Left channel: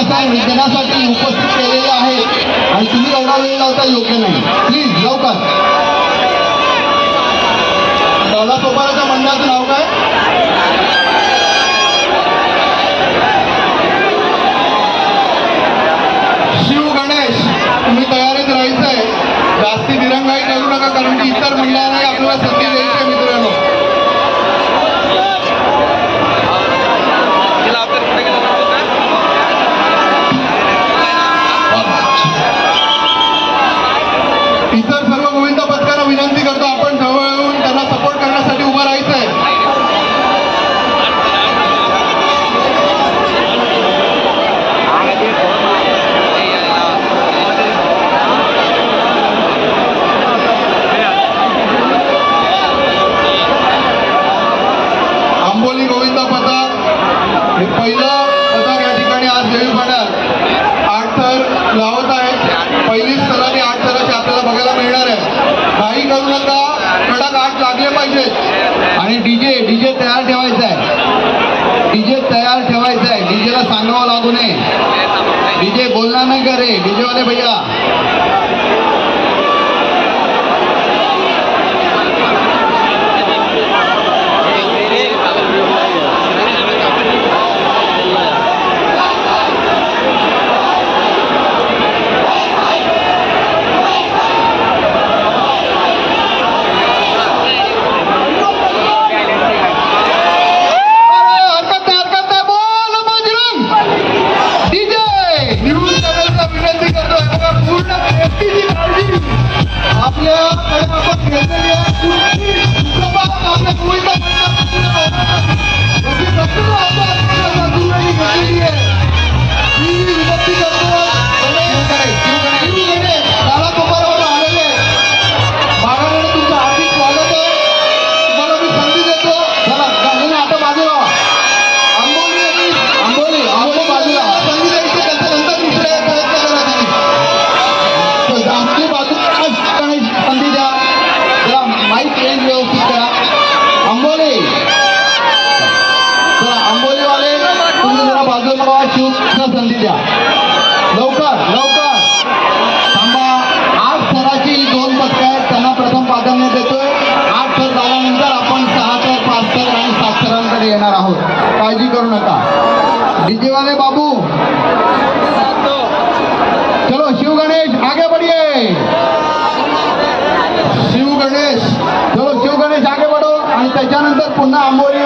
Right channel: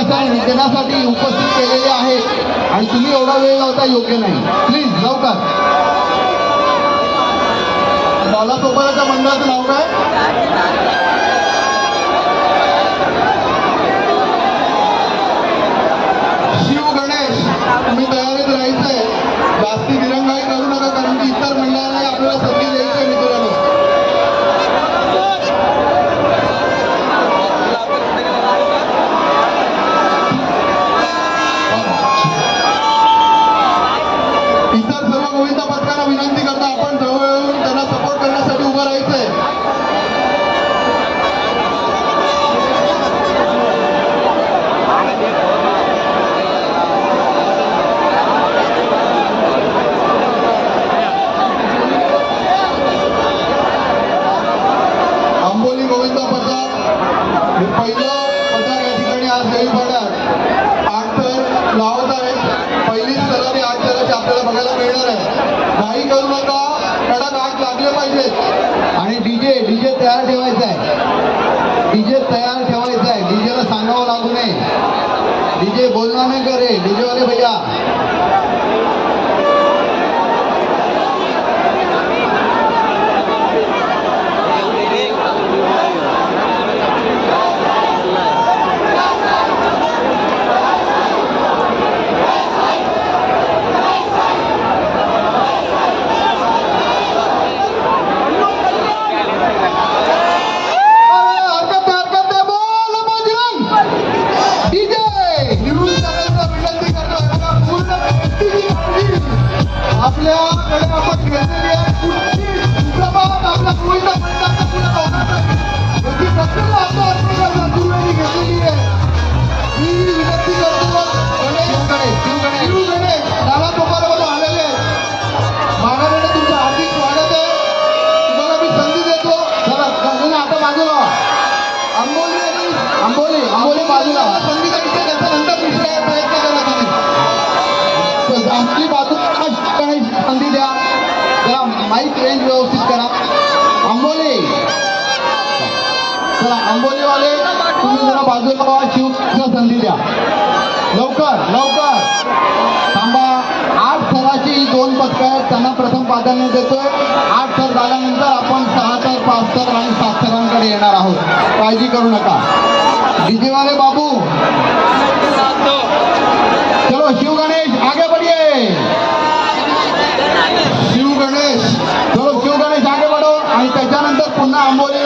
असं निधनासाठी उपस्थित केलेले आहेत आणि तुम्ही एवढा वेळ लावता योग्य नाही. प्लीज लवकर. बाला सोपाराच्या मंडळाचं नाव काय? शिव गणेश. तुम्ही तयारीत राहायचंय, जास्ती दिरंगाई करू नका, कारण की इतर मंडळांनी आपल्याला संधी द्यायची मित्रांनो. इतर सर्व गोविंद पथकांना विनंती करतो, आपण जवळ येऊन त्यांना सपोर्ट करण्यासाठी उभं राहायचंय. आंबोली गोविंद पथक हे पहिलं पथक या ठिकाणी आज देवीपाड्यात 8 थर लावत आहेत. पहिलीच स्तराने 8 थराची आपल्याला बघायला मिळणार आहे. काही करू नका, कडक 8 लागले पाहिजेत. आणि डीजे तयार ठेवायचा आहे. डीजे तयार ठेवायचा आहे. डीजेला सांगावं लागू नये. डीजे बोलणार नाही का रे डीजेवाले भैया? आंबोलीवाले तुम्ही जरा बाजूला व्हा, शिवला संधी द्या. लवकर लवकर थांबा. 8 थराची 2 पथकं आहेत, त्यांना प्रथम प्राधान्य देतोय. 8 थर झाल्यानंतर आपण 6 थर, 5 थर आणि 7 थरांकडे येणार आहोत. काळजी करू नका. डीजेवाले बाबू, चलो शिव गणेश आगे बढ़िए. शिव गणेश, चलो शिव गणेश आगे बढ़ो. आणि त्याच्यानंतर पुन्हा आंबोली